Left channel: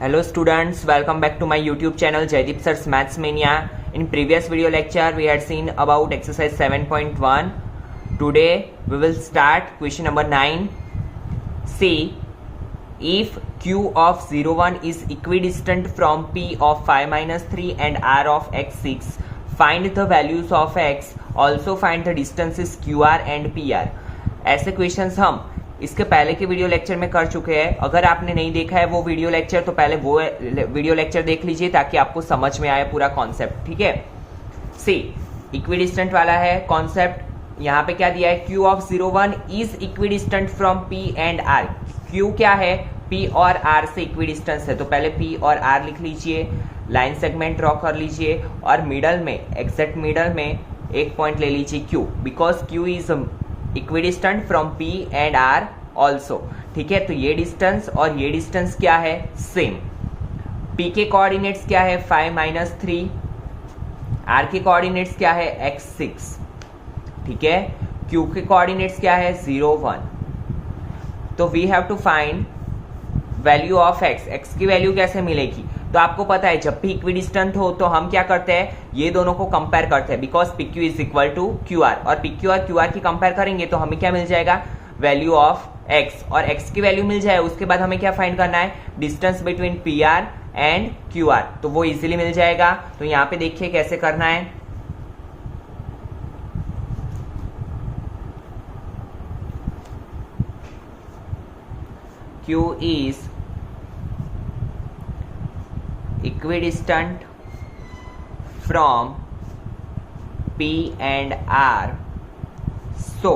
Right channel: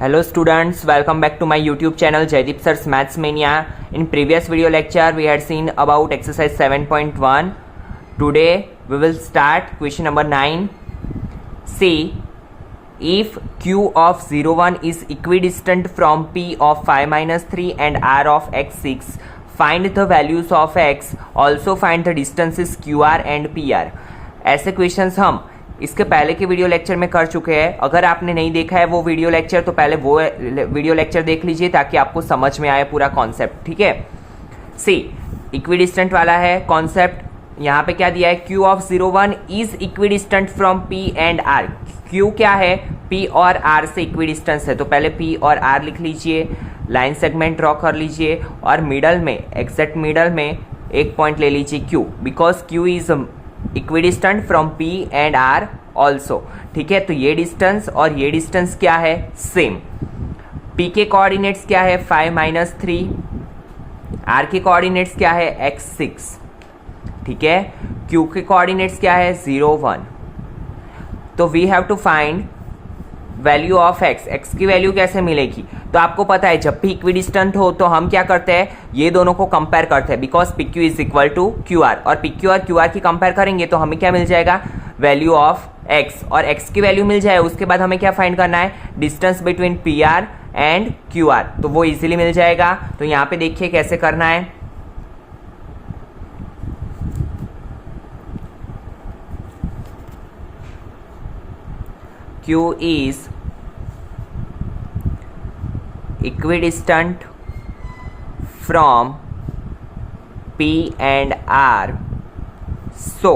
Hello students, welcome back to my YouTube channel Jaideep Sir's Maths Mania. In previous video lecture we had seen about exercise 7.1. Today we will start question number 9. See, if Q of 0, 1 is equidistant from P of 5 minus 3 and R of x 6, find the values of x, also find the distances QR and PR. ऐसे questions हम इसके पहले के video lecture में कर चुके हैं. अगर आपने नहीं देखा है वो वीडियो लेक्चर तो पहले वो वीडियो लेक्चर देख लीजिए ताकि आपको समझ में आए पूरा कॉन्सेप्ट. ठीक है. सी, इक्विडिस्टेंट वाला है कॉन्सेप्ट. यहाँ पे क्या दिया है, Q of 0, 1 is equidistant from P and R. Q क्या है, P और R से इक्विडिस्टेंस है, तो पहले P और R लिख लीजिए, लाइन सेगमेंट ड्रॉ कर लीजिए और मिडल में, एग्जैक्ट मिडल में एक पॉइंट ले लीजिए Q, because Q is equidistant from P and R also. ठीक है. तो ये डिस्टेंस और ये डिस्टेंस क्या है, सेम. P के कोऑर्डिनेट्स क्या है, 5 माइनस 3. R के कोऑर्डिनेट्स क्या है, x 6. ठीक है. Q के कोऑर्डिनेट्स क्या है, 0, 1. तो we have to find value of x. x की वैल्यू कैसे मिलेगी, तो आपको पता है जब भी इक्विडिस्टेंट हो तो हम क्या करते हैं, ये दोनों को कंपेयर करते हैं, because PQ is equal to QR, और PQ और QR की कंपेयर करेंगे तो हमें क्या मिल जाएगा, वैल्यू ऑफ x, और x की वैल्यू मिल जाए. उसके बाद हमें क्या फाइंड करना है, distance between PR and QR, तो वो इजीली मिल जाएगा. तो यहाँ पे देखिए कैसे करना है. Q is equidistant from P and R, so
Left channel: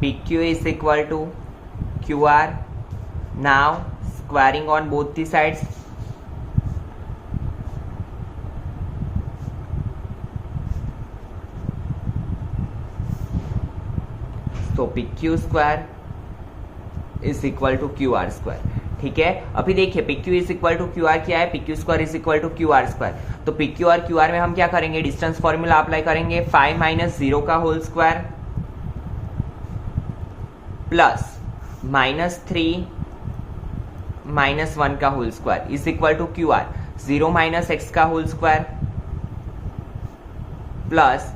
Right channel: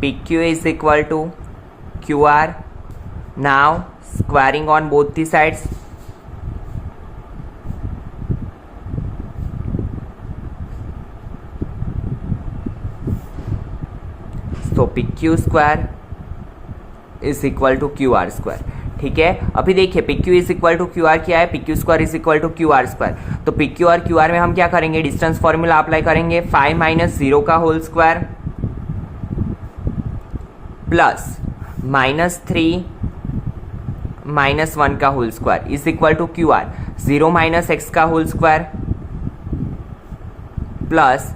PQ is equal to QR. Now squaring on both the sides, so PQ square is equal to Q R square. ठीक है. अभी देखिए PQ is equal to Q R क्या है, PQ square is equal to Q R square. तो PQ और QR में हम क्या करेंगे, डिस्टेंस फॉर्मूला अप्लाई करेंगे, 5 माइनस 0 का whole square plus minus 3 minus 1 का whole square is equal to Q are, 0 minus x का होल स्क्वायर प्लस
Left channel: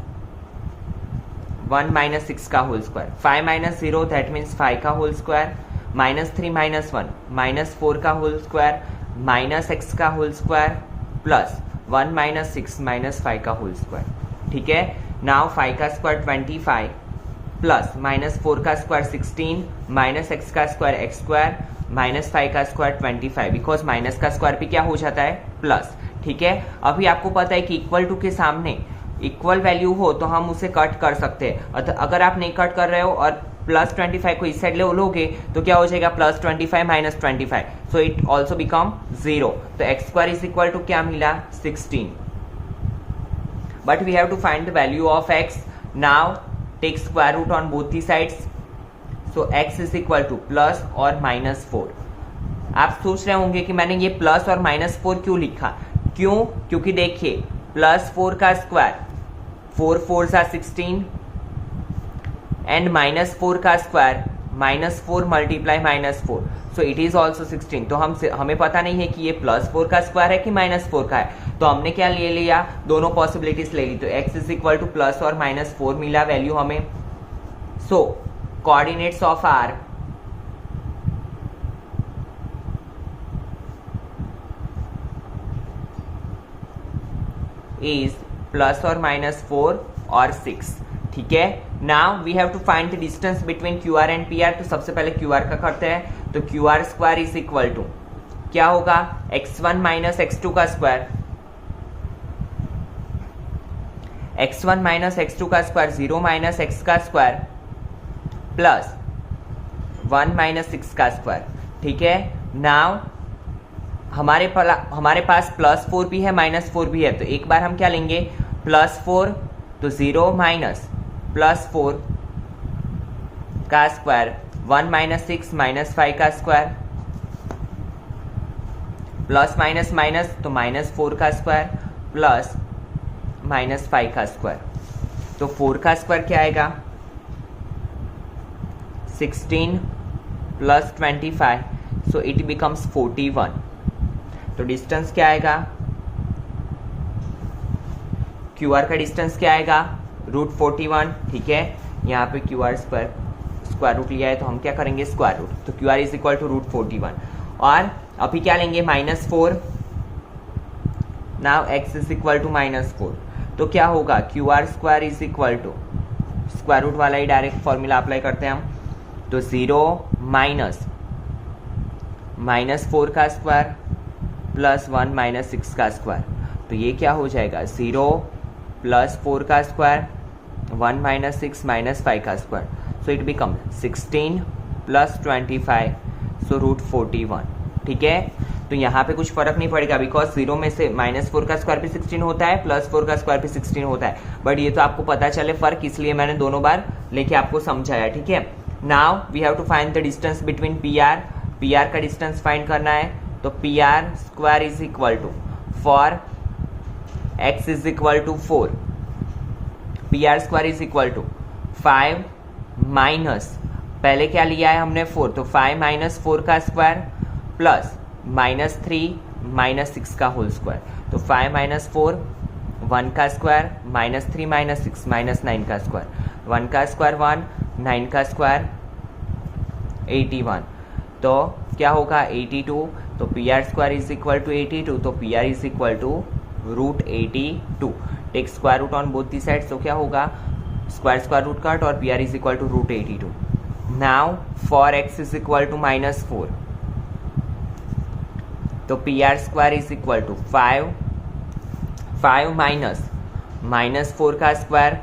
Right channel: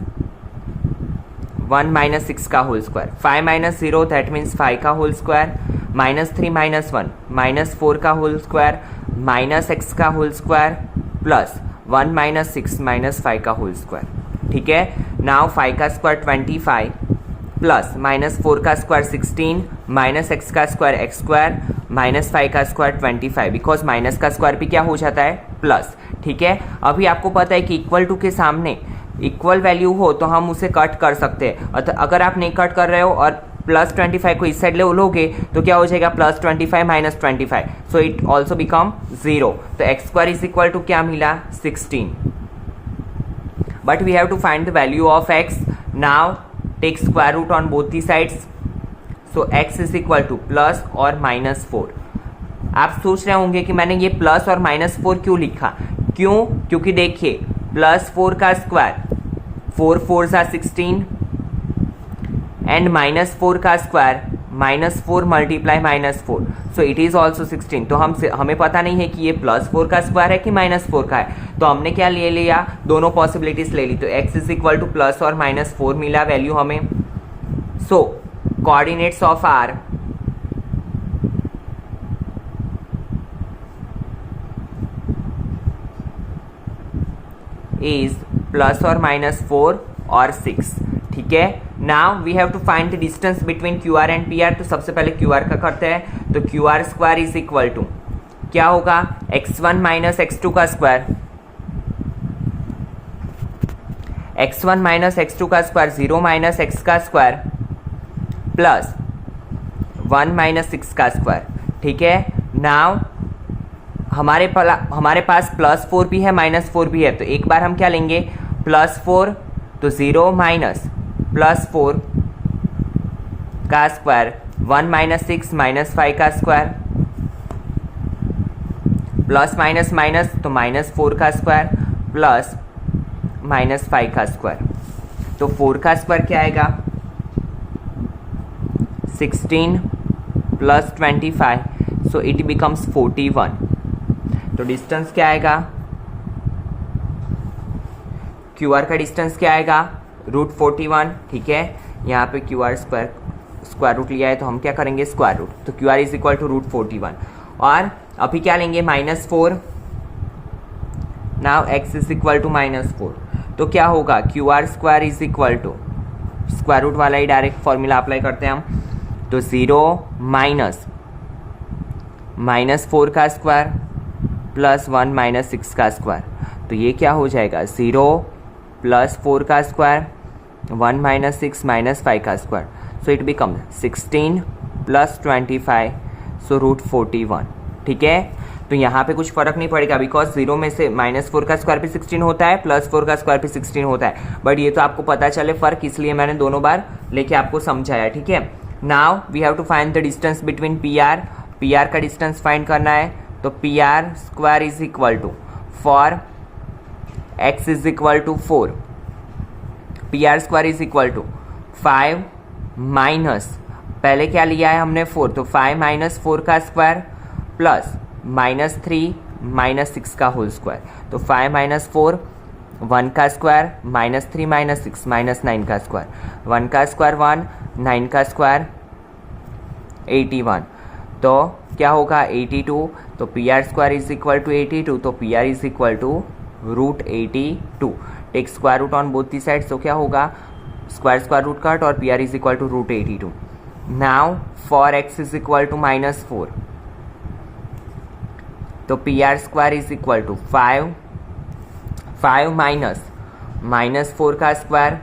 1 माइनस 6 का whole square. 5 minus 0 that means 5 का whole square, minus 3 minus 1 minus 4 का whole square, minus x का whole square plus 1 minus 6 minus 5 का whole square. ठीक है. Now 5 का square 25 plus minus 4 का स्क्वायर 16 माइनस x का स्क्वायर x स्क्वायर माइनस 5 का स्क्वायर 25, बिकॉज माइनस का स्क्वायर भी क्या हो जाता है, प्लस. ठीक है. अभी आपको पता है कि इक्वल टू के सामने इक्वल वैल्यू हो तो हम उसे कट कर सकते हैं. अगर आप नहीं कट कर रहे हो और प्लस 25 को इस साइड लोगे तो क्या हो जाएगा, plus 25 minus 25, so it also become 0. तो X square is equal to क्या मिला, 16. But we have to find the value of X. Now take square root on both the sides, so X is equal to plus और minus 4. आप सोच रहे होंगे कि मैंने ये प्लस और माइनस 4 क्यों लिखा, क्यों, क्योंकि देखिए प्लस 4 का स्क्वायर 4 4 सा 16 एंड माइनस 4 का square minus 4 multiply minus 4, so it is also 16. तो हमें पता नहीं है कि ये प्लस 4 का स्क्वायर है कि माइनस 4 का है, तो हमने क्या ले लिया, दोनों पॉसिबिलिटीज ले ली. तो x is equal to plus और माइनस 4 मिला वैल्यू हमें. So coordinates of R is plus और माइनस 4 और 6. ठीक है. Now we have to find the distance between Q R and P R. तो सबसे पहले क्यू आर का करते हैं. तो Q R square is equal to क्या होगा, x1 माइनस x2 का स्क्वायर, x1 माइनस x2 का स्क्वायर 0 माइनस x का स्क्वायर प्लस 1 माइनस 6 का स्क्वायर. ठीक है. नाउ हमारे पास प्लस 4 भी है माइनस 4 भी है, तो एक बार हम क्या लेंगे, प्लस 4 तो 0 माइनस प्लस 4 का स्क्वायर 1 माइनस 6 माइनस 5 का स्क्वायर प्लस माइनस माइनस तो माइनस 4 का स्क्वायर प्लस माइनस 5 का स्क्वायर. तो 4 का स्क्वायर क्या आएगा, 16 प्लस 25, सो इट बिकम्स 41. तो डिस्टेंस क्या आएगा, क्यू आर का डिस्टेंस क्या आएगा, √41. ठीक है, यहाँ पे क्यू आर स्क्वायर रूट लिया है तो हम क्या करेंगे, स्क्वायर रूट. तो Q R is equal to √41. और अभी क्या लेंगे, -4. Now x is equal to -4. तो क्या होगा, Q R square is equal to square root वाला ही डायरेक्ट फॉर्मूला अप्लाई करते हैं हम. तो 0 -4 का स्क्वायर प्लस 1 -6 का स्क्वायर. तो ये क्या हो जाएगा, 0 + 4 का स्क्वायर 1 -6 -5 का स्क्वायर. सो इट बिकम 16 + 25 सो √41. ठीक है, तो यहाँ पे कुछ फर्क नहीं पड़ेगा बिकॉज 0 में से -4 का स्क्वायर भी 16 होता है, +4 का स्क्वायर भी 16 होता है. बट ये तो आपको पता चले फर्क, इसलिए मैंने दोनों बार लेके आपको समझाया. ठीक है, now we have to find the distance between PR. PR का डिस्टेंस फाइंड करना है. तो PR square is equal to, for x is equal to 4, PR square is equal to 5 minus, पहले क्या लिया है हमने 4, तो 5 - 4 का स्क्वायर प्लस -3 -6 का होल स्क्वायर. तो 5 - 4 1 का स्क्वायर, -3 -6 -9 का स्क्वायर, 1 का स्क्वायर 1, 9 का स्क्वायर 81. तो क्या होगा, 82. तो PR square is equal to 82. तो PR is equal to √82. Take square root on both the side. तो क्या होगा, स्क्वायर रूट कट और PR is equal to √82. Now for x is equal to -4. तो PR square is equal to 5 minus -4 का square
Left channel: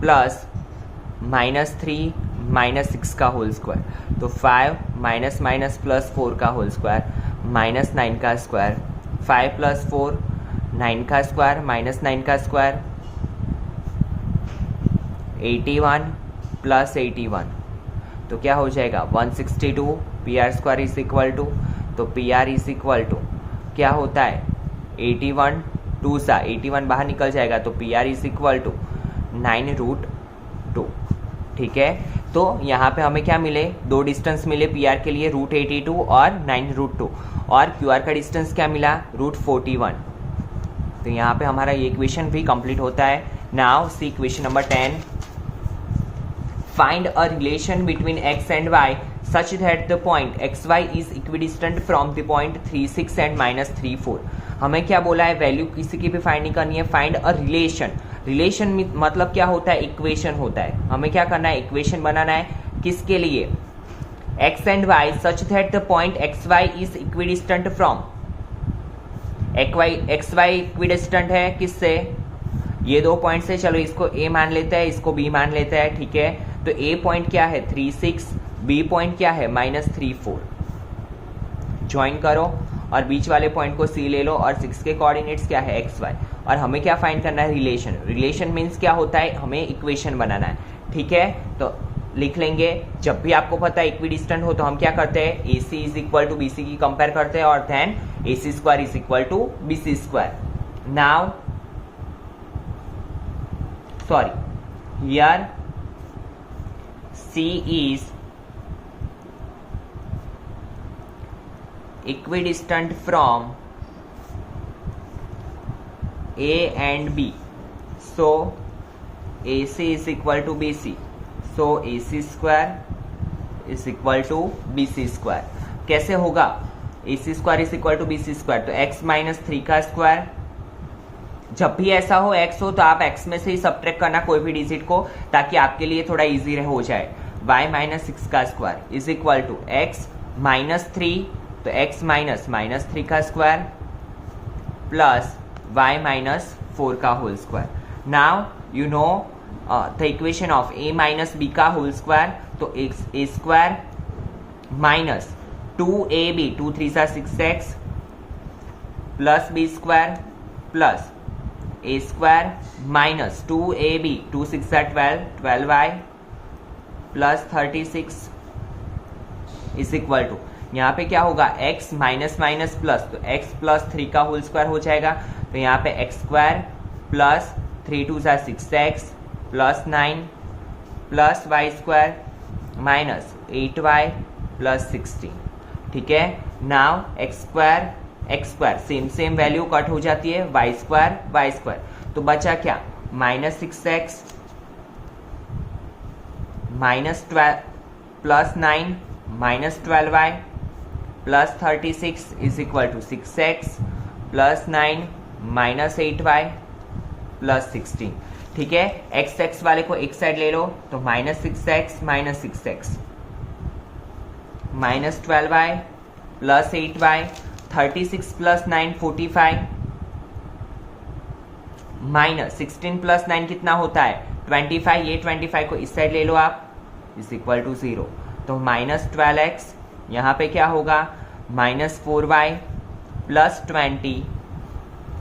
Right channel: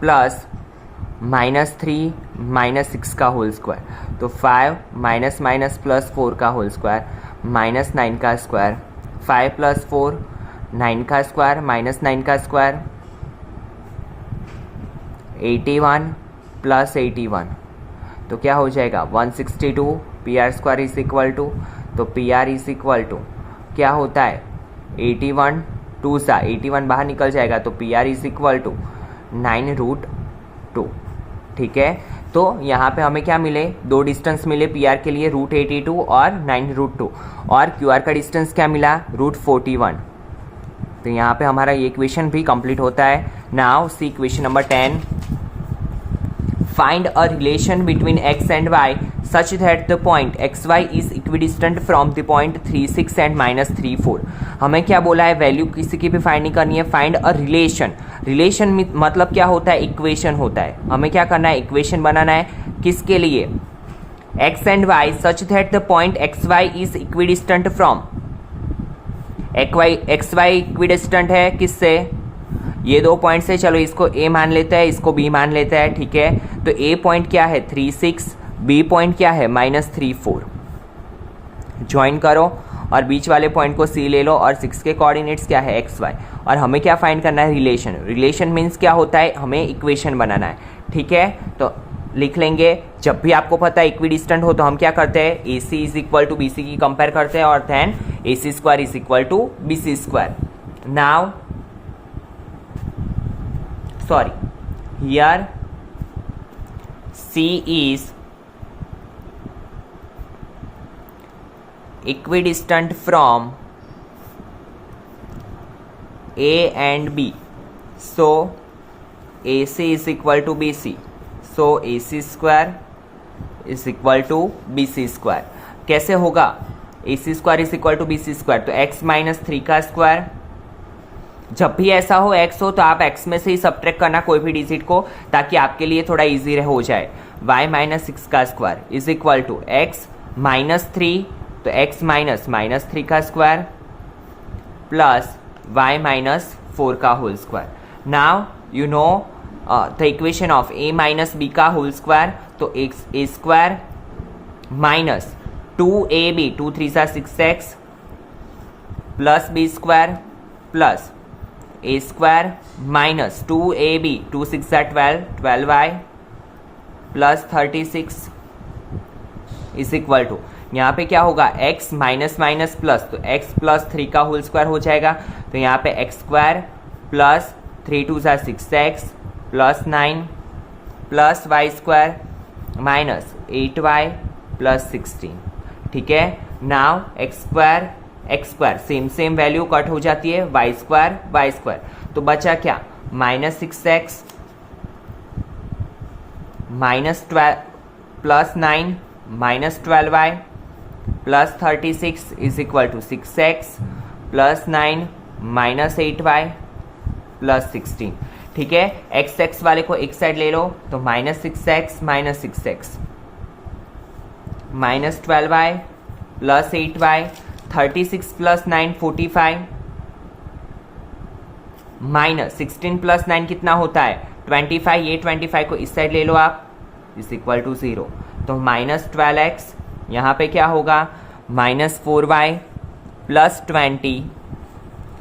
plus -3 -6 का whole square. तो 5 minus plus 4 का whole square -9 का स्क्वायर, 5 + 4 9 का स्क्वायर -9 का स्क्वायर 81 + 81. तो क्या हो जाएगा, 162. PR square is equal to, तो PR इज इक्वल टू क्या होता है, 81 2 सा 81 बाहर निकल जाएगा. तो PR इज इक्वल टू 9√2. ठीक है, तो यहाँ पे हमें क्या मिले, दो डिस्टेंस मिले PR के लिए, √82 और 9√2. और QR का डिस्टेंस क्या मिला, √41. तो यहाँ पे हमारा ये इक्वेशन भी कंप्लीट होता है. Now see equation number 10. Find a relation between x and y such that the point xy is equidistant from the point 36 and -34. हमें क्या बोला है, वैल्यू किसी की भी फाइंड नहीं करनी है. Find a relation. रिलेशन मतलब क्या होता है, इक्वेशन होता है. हमें क्या करना है, इक्वेशन बनाना है. किसके लिए, x and y such that the point xy is equidistant from, xy equidistant है किससे, ये दो पॉइंट से. चलो इसको A मान लेता है, इसको B मान लेता है. ठीक है, तो A पॉइंट क्या है 36, B पॉइंट क्या है -34. ज्वाइन करो और बीच वाले पॉइंट को C ले लो और 6 के कोऑर्डिनेट्स क्या है XY. और हमें क्या फाइंड करना है, रिलेशन. रिलेशन मीन्स क्या होता है, हमें इक्वेशन बनाना है. ठीक है, तो लिख लेंगे. जब भी आपको पता है इक्विडिस्टेंट हो तो हम क्या करते हैं, AC is equal to BC की कंपेयर करते हैं और then AC square is equal to BC square. Now here C is equidistant from A and B, so AC is equal to BC, so AC square is equal to BC square. कैसे होगा, AC square is equal to BC square. तो x -3 का square, जब भी ऐसा हो x हो तो आप x में से ही सब्ट्रैक्ट करना कोई भी डिजिट को, ताकि आपके लिए थोड़ा इजी हो जाए. y -6 का square is equal to x -3, तो x -3 का स्क्वायर प्लस y -4 का whole square. Now you know the equation of a - b का होल स्क्वायर. तो a square minus 2ab 2 3 6x plus b square plus a square minus 2ab 2 6 12 12y plus 36 is equal to, यहाँ पे क्या होगा, x minus minus plus, तो x plus 3 का whole square हो जाएगा. तो यहाँ पे x square plus 3 2 6x plus 9 plus y square minus 8y plus 16. ठीक है. Now x square same value cut हो जाती है, वाई स्क्वायर. तो बचा क्या, minus 6x minus 12 plus 9 minus 12y plus 36 is equal to 6x plus 9 minus 8y plus 16. ठीक है. x वाले को एक साइड ले लो तो minus 6x minus 6x minus 12y plus 8y 36 plus 9 45 minus 16 plus 9 कितना होता है 25. ये 25 को इस साइड ले लो आप, इज इक्वल टू 0. तो माइनस 12x यहाँ पे क्या होगा, minus 4y plus 20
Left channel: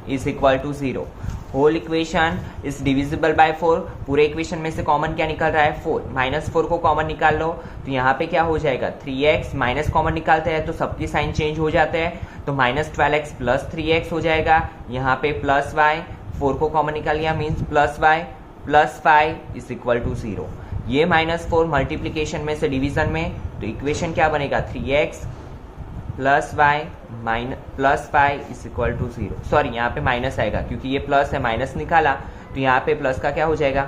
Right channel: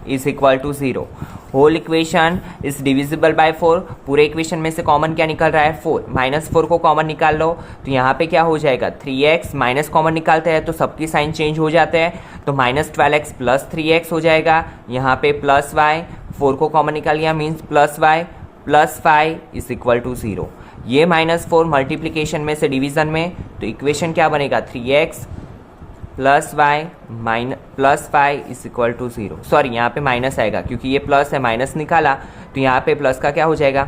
is equal to 0. Whole equation is divisible by 4. पूरे इक्वेशन में से कॉमन क्या निकल रहा है 4. माइनस 4 को कॉमन निकाल लो तो यहाँ पे क्या हो जाएगा 3x. माइनस कॉमन निकालते हैं तो सबकी साइन चेंज हो जाते हैं, तो माइनस 12x प्लस 3x हो जाएगा. यहाँ पे प्लस y, 4 को कॉमन निकाल लिया means plus y plus 5 is equal to 0. ये माइनस 4 मल्टीप्लीकेशन में से डिवीजन में, तो इक्वेशन क्या बनेगा 3x plus y minus plus 5 is equal to 0. Sorry यहाँ पे माइनस आएगा क्योंकि ये प्लस है, माइनस निकाला तो यहाँ पे प्लस का क्या हो जाएगा.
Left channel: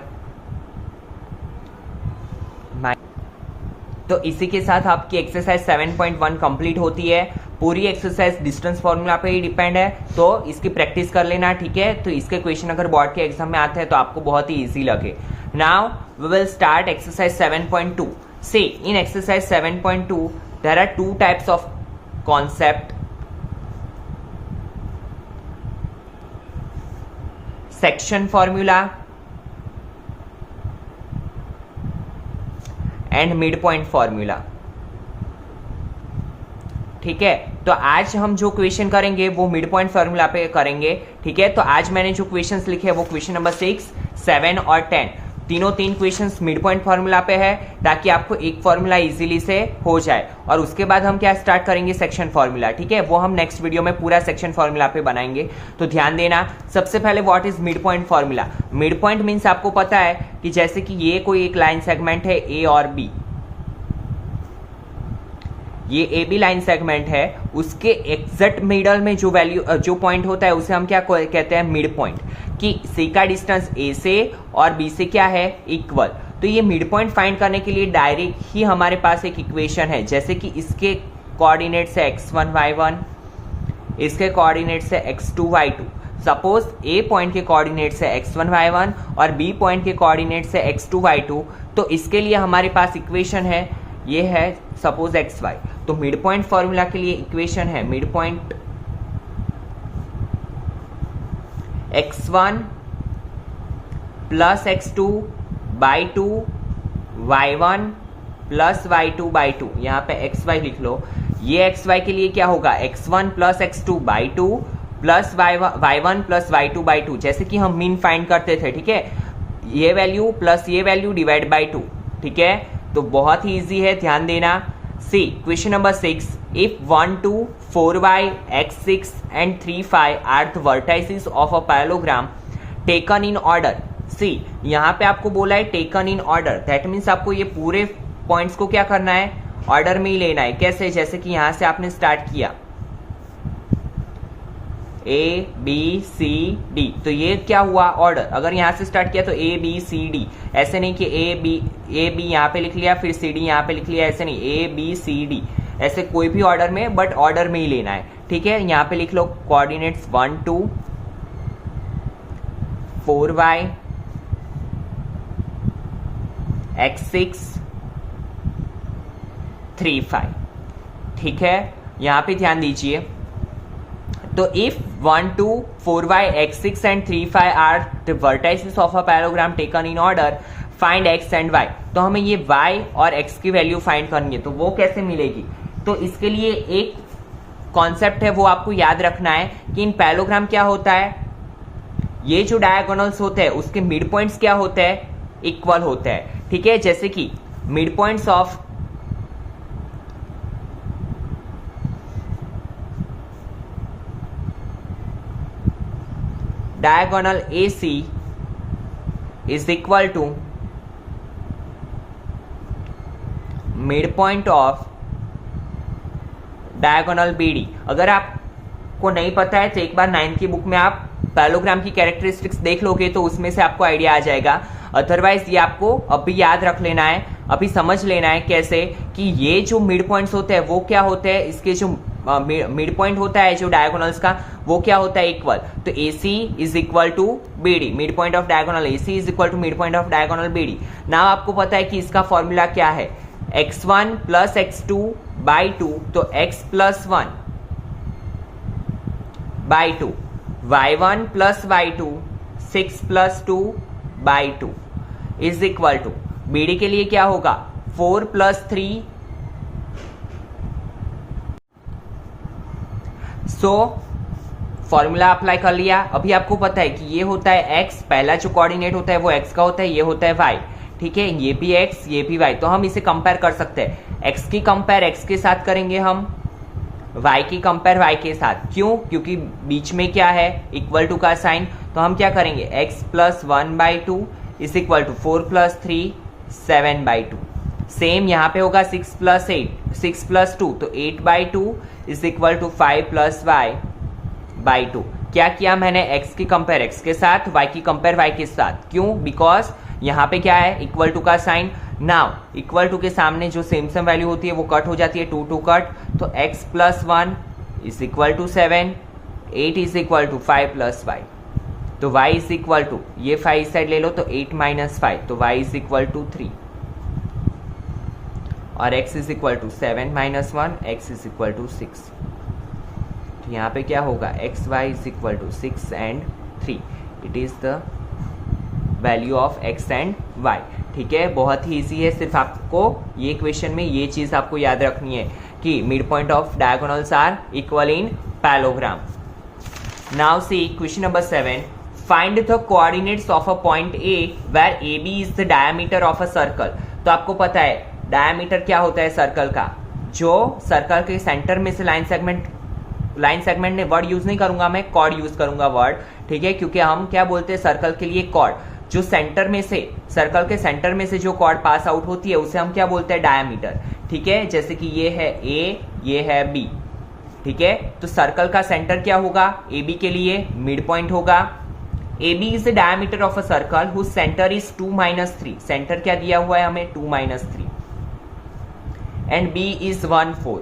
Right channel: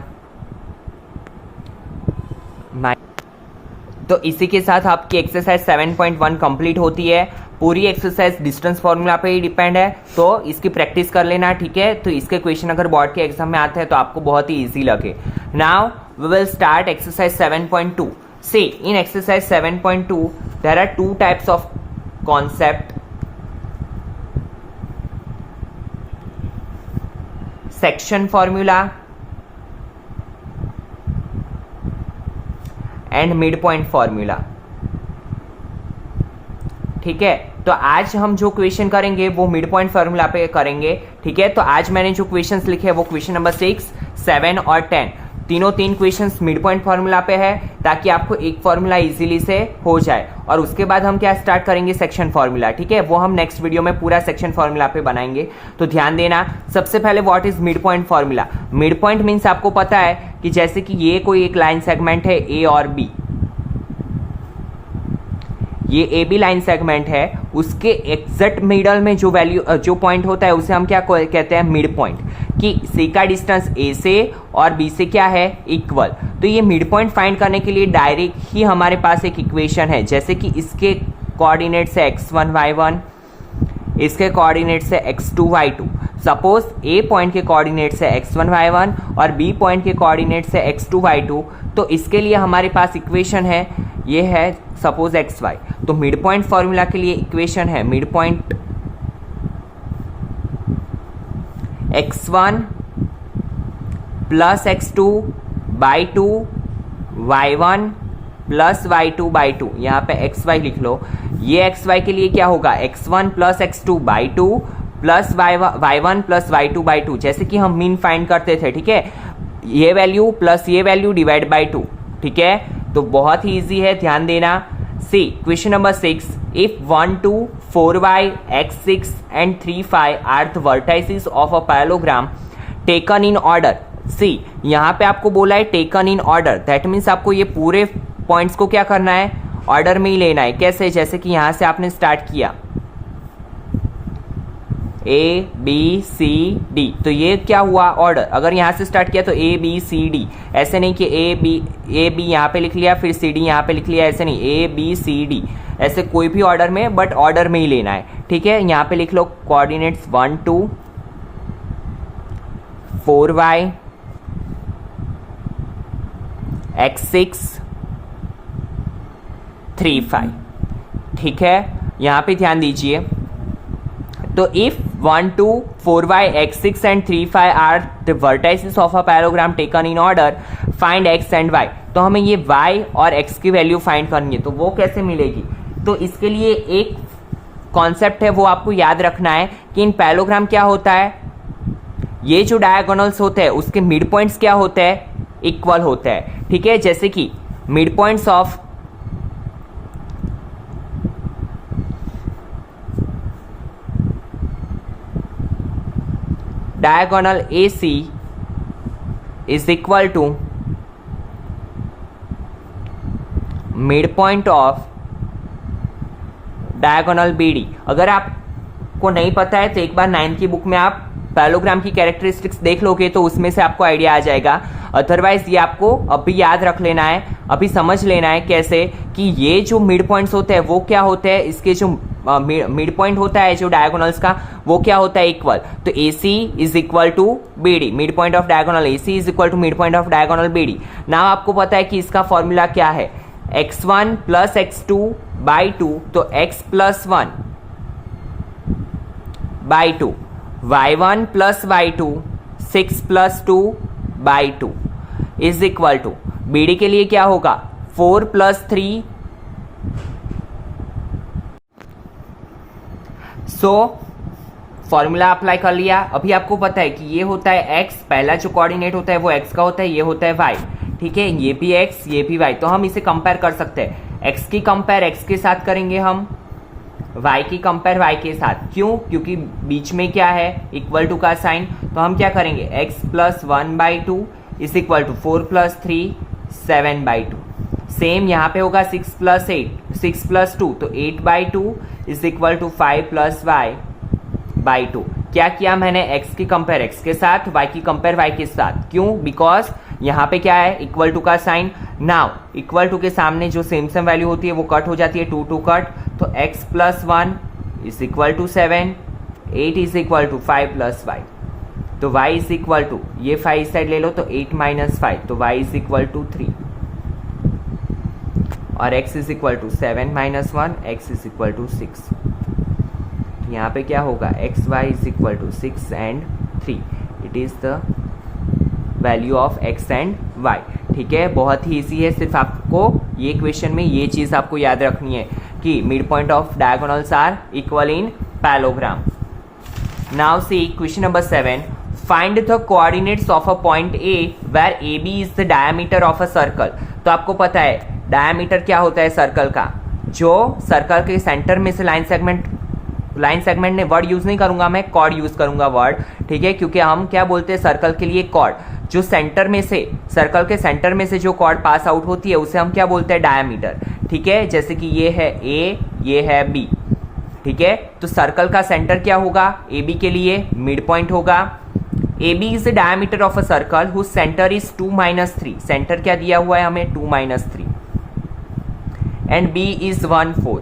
तो इसी के साथ आपकी एक्सरसाइज 7.1 कंप्लीट होती है. पूरी एक्सरसाइज डिस्टेंस फॉर्मूला पे ही डिपेंड है, तो इसकी प्रैक्टिस कर लेना. ठीक है. तो इसके क्वेश्चन अगर बोर्ड के एग्जाम में आते हैं तो आपको बहुत ही इजी लगे. Now we will start exercise 7.2. See in exercise 7.2 there are two types of concept. Section formula and midpoint formula. ठीक है. तो आज हम जो क्वेश्चन करेंगे वो मिड पॉइंट फॉर्मूला पे करेंगे. ठीक है. तो आज मैंने जो क्वेश्चंस लिखे हैं वो क्वेश्चन नंबर 6, 7 और 10 तीन क्वेश्चंस मिड पॉइंट फॉर्मूला पे है, ताकि आपको एक फॉर्मूला इजीली से हो जाए. और उसके बाद हम क्या स्टार्ट करेंगे सेक्शन फॉर्मूला. ठीक है. वो हम नेक्स्ट वीडियो में पूरा सेक्शन फॉर्मूला पे बनाएंगे. तो ध्यान देना. सबसे पहले what is mid point formula. Mid point means आपको पता है कि जैसे कि ये कोई एक लाइन सेगमेंट है ए और बी, ये ए बी लाइन सेगमेंट है, उसके एग्जैक्ट मिडल में जो वैल्यू जो पॉइंट होता है उसे हम क्या कहते हैं मिड पॉइंट. कि सी का डिस्टेंस ए से और बी से क्या है इक्वल. तो ये मिड पॉइंट फाइंड करने के लिए डायरेक्ट ही हमारे पास एक इक्वेशन है. जैसे कि इसके कोऑर्डिनेट से x1 y1, इसके कोऑर्डिनेट से x2 y2. सपोज ए पॉइंट के कोऑर्डिनेट से x1 y1 और बी पॉइंट के कोऑर्डिनेट से x2 y2. तो इसके लिए हमारे पास इक्वेशन है, ये है सपोज xy. तो मिड पॉइंट फॉर्मूला के लिए इक्वेशन है mid point x1 plus x2 by 2 y1 plus y2 by 2. यहाँ पे xy लिख लो. ये xy के लिए क्या होगा x1 plus x2 by 2 plus y1 plus y2 by 2. जैसे कि हम मीन फाइंड करते थे. ठीक है. ये वैल्यू प्लस ये वैल्यू डिवाइड बाई 2. ठीक है. तो बहुत ही इजी है, ध्यान देना. सी question number 6. If 1, 2, 4y, x6 and 3, 5 are the vertices of a parallelogram taken in order. See, यहाँ पे आपको बोला है taken in order. That means आपको ये पूरे पॉइंट्स को क्या करना है ऑर्डर में ही लेना है. कैसे, जैसे कि यहाँ से आपने स्टार्ट किया A B C D, तो ये क्या हुआ ऑर्डर. अगर यहाँ से स्टार्ट किया तो A B C D, ऐसे नहीं कि A B यहाँ पे लिख लिया फिर C D यहाँ पे लिख लिया, ऐसे नहीं. A B C D ऐसे कोई भी ऑर्डर में, बट ऑर्डर में ही लेना है. ठीक है. यहाँ पे लिख लो कोऑर्डिनेट्स 1, 2, 4y, x6, 3, 5. ठीक है. यहाँ पे ध्यान दीजिए. तो if 1, 2, 4y, x6 and 3, 5 are the vertices of a parallelogram taken in order, find x and y. तो हमें ये y और x की वैल्यू फाइंड करनी है. तो वो कैसे मिलेगी. तो इसके लिए एक कॉन्सेप्ट है वो आपको याद रखना है कि इन पैरेललोग्राम क्या होता है, ये जो डायगोनल्स होते हैं उसके मिड पॉइंट्स क्या होते हैं इक्वल होते हैं. ठीक है. जैसे कि mid points of diagonal AC is equal to midpoint of diagonal BD। अगर आपको नहीं पता है तो एक बार 9th की बुक में आप पैलोग्राम की कैरेक्टरिस्टिक्स देख लोगे तो उसमें से आपको आइडिया आ जाएगा। अदरवाइज ये आपको अभी याद रख लेना है, अभी समझ लेना है कैसे कि ये जो मिड पॉइंट्स होते हैं वो क्या होते हैं, इसके जो मिड पॉइंट होता है जो डायगोनल्स का वो क्या होता है, इक्वल। तो AC is equal to BD, mid point of diagonal AC is equal to mid point of diagonal BD। ना आपको पता है कि इसका फॉर्मूला क्या है, x1 प्लस x2 बाई 2, तो x plus 1 by 2, y1 plus y2 6 plus 2 by 2 is equal to BD के लिए क्या होगा 4 प्लस 3। सो फॉर्मूला अप्लाई कर लिया। अभी आपको पता है कि ये होता है x, पहला जो कोऑर्डिनेट होता है वो x का होता है, ये होता है y, ठीक है, ये भी x ये भी y। तो हम इसे कंपेयर कर सकते हैं, x की कंपेयर x के साथ करेंगे हम, y की कंपेयर y के साथ। क्यों? क्योंकि बीच में क्या है, इक्वल टू का साइन। तो हम क्या करेंगे, x plus 1 by 2 is equal to 4 plus 3 7 by 2। Same यहाँ पे होगा 6 प्लस 8 6 प्लस 2, तो 8 by 2 is equal to 5 plus y by 2। क्या किया मैंने, x की कंपेयर x के साथ, y की कंपेयर y के साथ। क्यों? बिकॉज यहाँ पे क्या है, इक्वल टू का साइन। नाउ इक्वल टू के सामने जो सेम वैल्यू होती है वो कट हो जाती है, 2 2 कट, तो x plus 1 is equal to 7, 8 is equal to 5 plus y, तो y इज इक्वल टू, ये 5 इस साइड ले लो तो 8 माइनस 5, तो y इज इक्वल टू 3, और x is equal to 7 minus 1, x is equal to 6। तो यहाँ पे क्या होगा, x y is equal to 6 and 3, it is the value of x and y। ठीक है, बहुत ही इजी है, सिर्फ आपको ये क्वेश्चन में ये चीज आपको याद रखनी है कि mid point of diagonals are equal in parallelogram. Now see question number 7, find the coordinates of a point A where AB is the diameter of a circle. तो आपको पता है डायमीटर क्या होता है सर्कल का, जो सर्कल के सेंटर में से लाइन सेगमेंट ने वर्ड यूज नहीं करूंगा मैं, कॉर्ड यूज करूंगा वर्ड, ठीक है, क्योंकि हम क्या बोलते हैं सर्कल के लिए कॉर्ड, जो सेंटर में से, सर्कल के सेंटर में से जो कॉर्ड पास आउट होती है उसे हम क्या बोलते हैं, डायमीटर। ठीक है, जैसे कि ये है A, ये है B, ठीक है, तो सर्कल का सेंटर क्या होगा, AB के लिए मिड पॉइंट होगा। AB is the diameter of a circle whose centre is 2 - 3, centre क्या दिया हुआ है हमें, 2 - 3, and B is 1 4,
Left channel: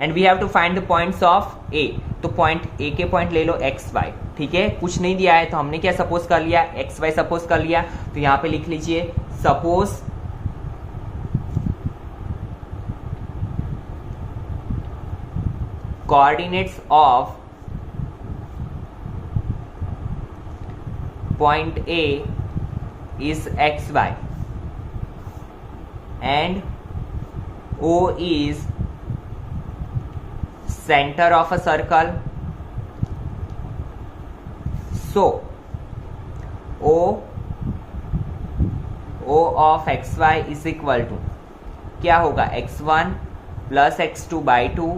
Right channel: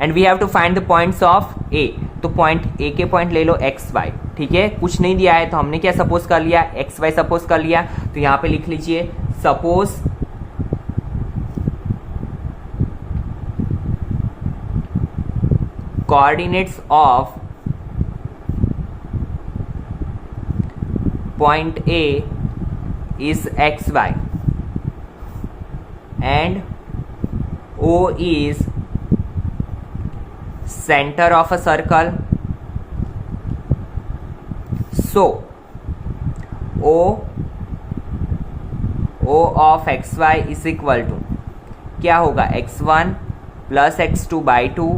and we have to find the points of A। तो पॉइंट A के पॉइंट ले लो x y, ठीक है, कुछ नहीं दिया है तो हमने क्या सपोज कर लिया, x y सपोज कर लिया। तो यहां पे लिख लीजिए suppose coordinates of point A is x y and O is center of a circle, so O of xy is equal to क्या होगा, x1 plus x2 by 2,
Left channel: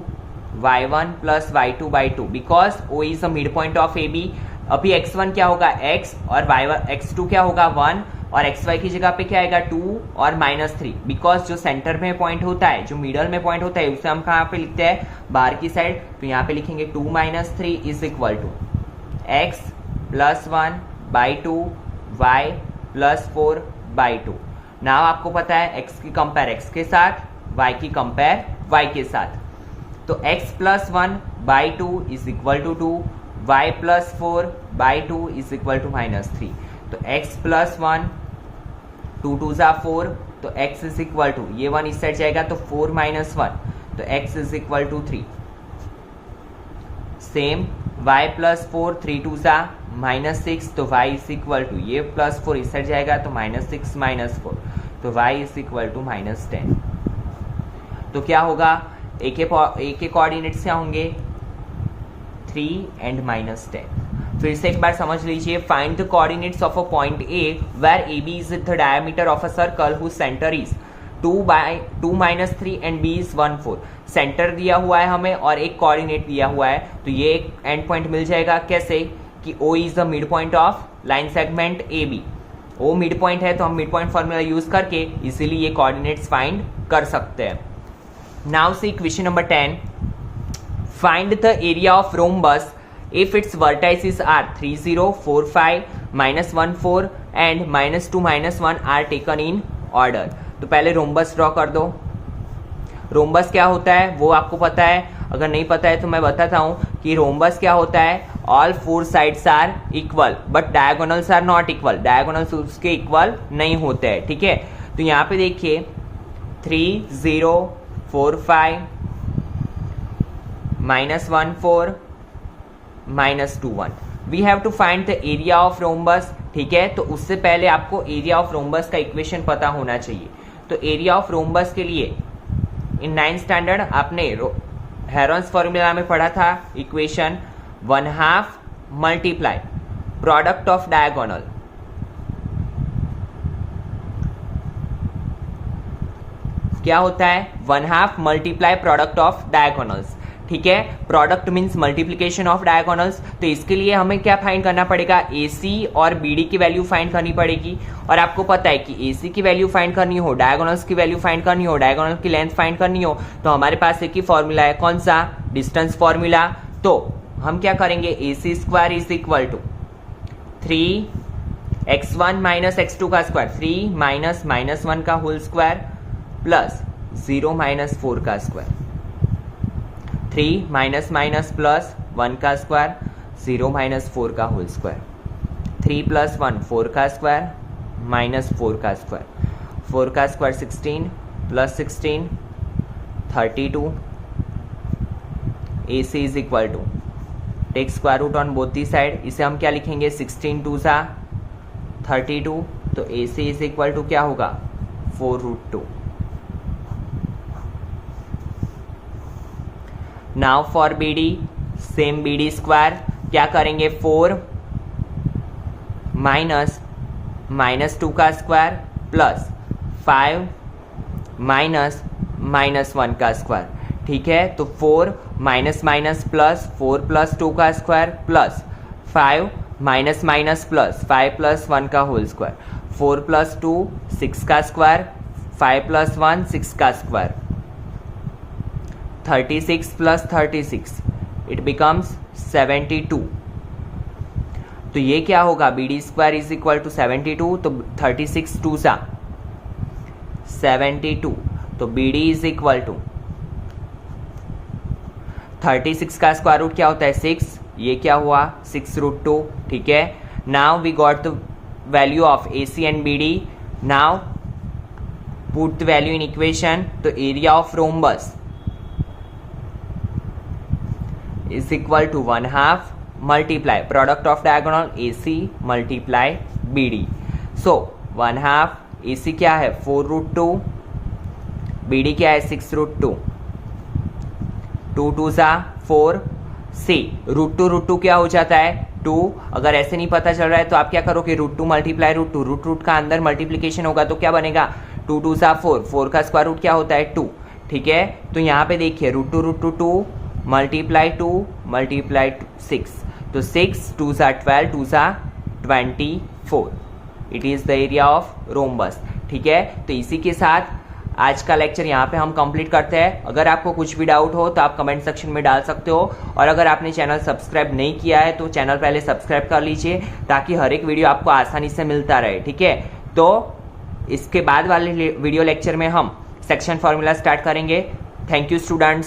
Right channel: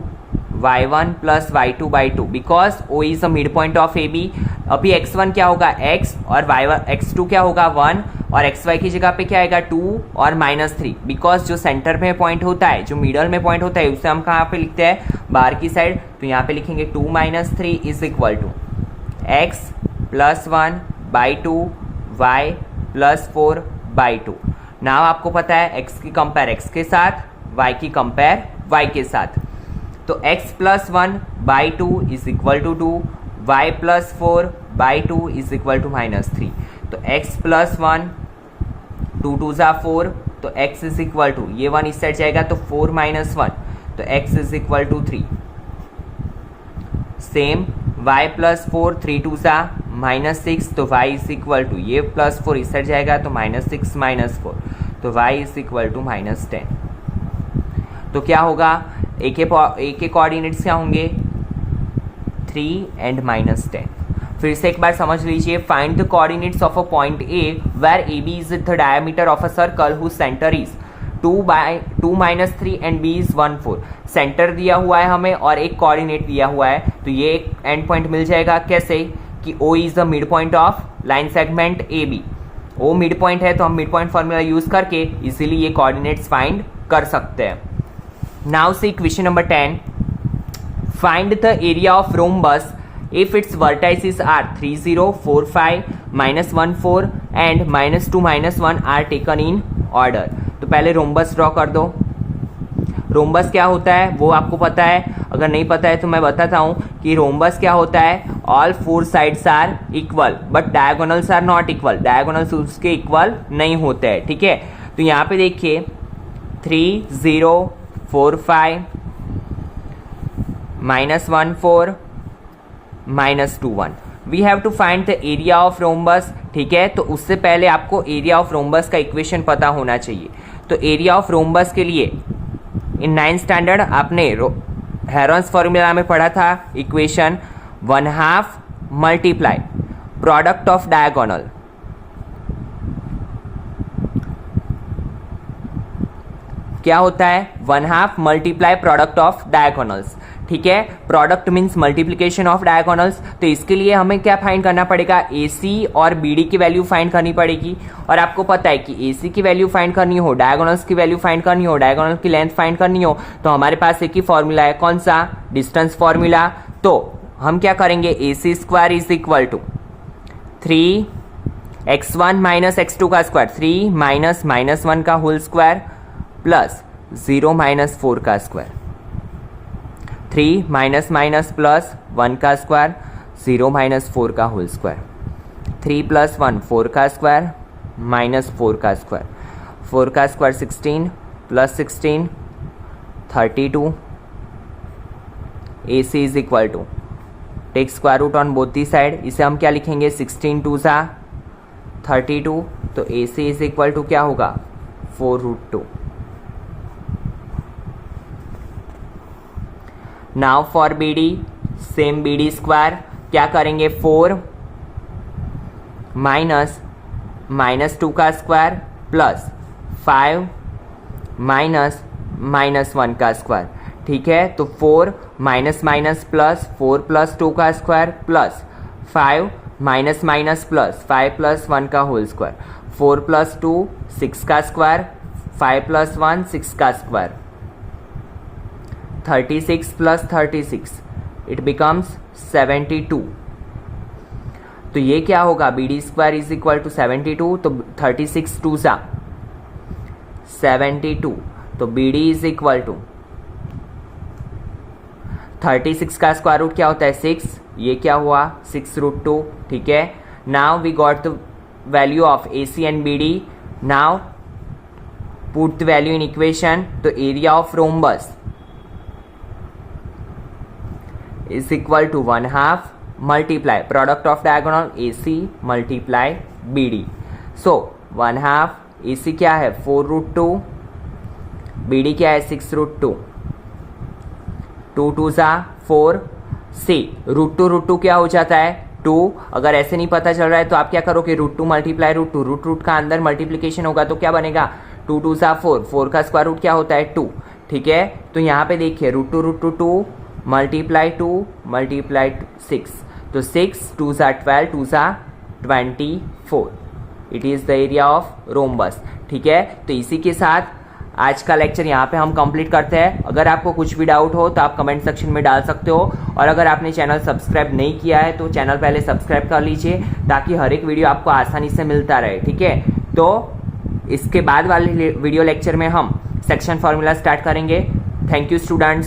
y1 plus y2 by 2, because O is the mid point of AB। अभी x1 क्या होगा x, और y1 x2 क्या होगा 1, और xy की जगह पे क्या आएगा 2 और -3, बिकॉज जो सेंटर में पॉइंट होता है, जो मिडल में पॉइंट होता है उसे हम कहाँ पे लिखते हैं, बाहर की साइड। तो यहाँ पे लिखेंगे 2 - 3 is equal to x plus 1 by 2 y plus 4 by 2। ना आपको पता है x की कंपेयर x के साथ, y की कंपेयर y के साथ। तो x plus 1 by 2 is equal to 2, y plus 4 by 2 is equal to -3। तो x प्लस 1, 2 2 ज़ा 4, तो x इज इक्वल टू, ये 1 इस साइड जाएगा तो 4 - 1, तो x is equal to 3। Same y plus 4, 3 2 ज़ा -6, तो y इज इक्वल टू, ये प्लस 4 इस साइड जाएगा तो -6 - 4, तो y इज इक्वल टू -10। तो क्या होगा, ए के कोऑर्डिनेट्स क्या होंगे, 3 एंड -10। फिर से एक बार समझ लीजिए, find the coordinates of a point A where AB is the diameter of a circle whose centre is 2 - 3 and B is 1 4। Centre दिया हुआ है हमें और एक कोऑर्डिनेट दिया हुआ है, तो ये एक एंड पॉइंट मिल जाएगा कैसे, कि O is the mid point of line segment AB। O mid point है तो हम मिड पॉइंट फॉर्मूला यूज करके इजीली ये कोऑर्डिनेट्स फाइंड कर सकते हैं। Now see question number 10, find the area of rhombus if its vertices are 3 0 4 5 -1 4 and -2 -1 are taken in order। तो पहले रोम्बस ड्रॉ कर दो। रोम्बस क्या होता है वो आपको पता है, अगर नहीं पता है तो मैं बताता हूं कि रोम्बस क्या होता है, all four sides are equal but diagonals are not equal, diagonals उसके इक्वल नहीं होते हैं, ठीक है। तो यहाँ पे देखिए 3 0 4 5 -1 4 -2 1, we have to find the area of rhombus, ठीक है। तो उससे पहले आपको एरिया ऑफ रोम्बस का इक्वेशन पता होना चाहिए। तो एरिया ऑफ रोम्बस के लिए इन 9th स्टैंडर्ड आपने हेरोन्स फॉर्मूला में पढ़ा था equation 1/2 multiply product of diagonal, क्या होता है 1/2 मल्टीप्लाई प्रोडक्ट ऑफ डायगोनल्स, ठीक है। Product means multiplication of diagonals. तो इसके लिए हमें क्या फाइंड करना पड़ेगा, AC और BD की वैल्यू फाइंड करनी पड़ेगी। और आपको पता है कि AC की वैल्यू फाइंड करनी हो, डायगोनल्स की वैल्यू फाइंड करनी हो, डायगोनल की लेंथ फाइंड करनी हो, तो हमारे पास एक ही फॉर्मूला है, कौन सा, डिस्टेंस फॉर्मूला। तो हम क्या करेंगे, AC square is equal to 3x1 minus x2 का स्क्वायर, 3 माइनस -1 का होल स्क्वायर प्लस 0 - 4 का स्क्वायर, 3 माइनस प्लस 1 का स्क्वायर, 0 - 4 का होल स्क्वायर, 3 + 1 4 का स्क्वायर -4 का स्क्वायर, 4 का square 16 + 16 32। AC is equal to take square root on both the side, इसे हम क्या लिखेंगे 16 2 32। तो AC इज इक्वल टू क्या होगा 4√2। Now for BD same BD square क्या करेंगे, 4 माइनस -2 का स्क्वायर प्लस 5 माइनस -1 का स्क्वायर, ठीक है। तो 4 माइनस प्लस 4 + 2 का स्क्वायर प्लस 5 माइनस प्लस 5 + 1 का होल स्क्वायर, 4 + 2 6 का स्क्वायर, 5 + 1 6 का स्क्वायर, 36 + 36 इट बिकम्स 72। तो ये क्या होगा, BD square is equal to 72। तो 36 2 72, तो BD इज इक्वल टू 36 का स्क्वायर रूट क्या होता है 6, ये क्या हुआ 6√2, ठीक है। Now we got the value of AC and BD। Now put the value in equation. तो area of rhombus is equal to 1/2 multiply product of diagonal AC multiply BD। so 1/2 AC क्या है 4√2, BD क्या है 6√2, 2 2 4 C √2 क्या हो जाता है 2। अगर ऐसे नहीं पता चल रहा है तो आप क्या करोगे √2 मल्टीप्लाई √2, रूट का अंदर मल्टीप्लीकेशन होगा तो क्या बनेगा 2 2 4, 4 का स्क्वायर रूट क्या होता है 2, ठीक है। तो यहाँ पे देखिए √2 मल्टीप्लाई 2 मल्टीप्लाई 6, तो 6 2 12 2 24, it is the area of rhombus, ठीक है। तो इसी के साथ आज का लेक्चर यहाँ पे हम कंप्लीट करते हैं। अगर आपको कुछ भी डाउट हो तो आप कमेंट सेक्शन में डाल सकते हो, और अगर आपने चैनल सब्सक्राइब नहीं किया है तो चैनल पहले सब्सक्राइब कर लीजिए ताकि हर एक वीडियो आपको आसानी से मिलता रहे, ठीक है। तो इसके बाद वाले वीडियो लेक्चर में हम सेक्शन फार्मूला स्टार्ट करेंगे। Thank you students.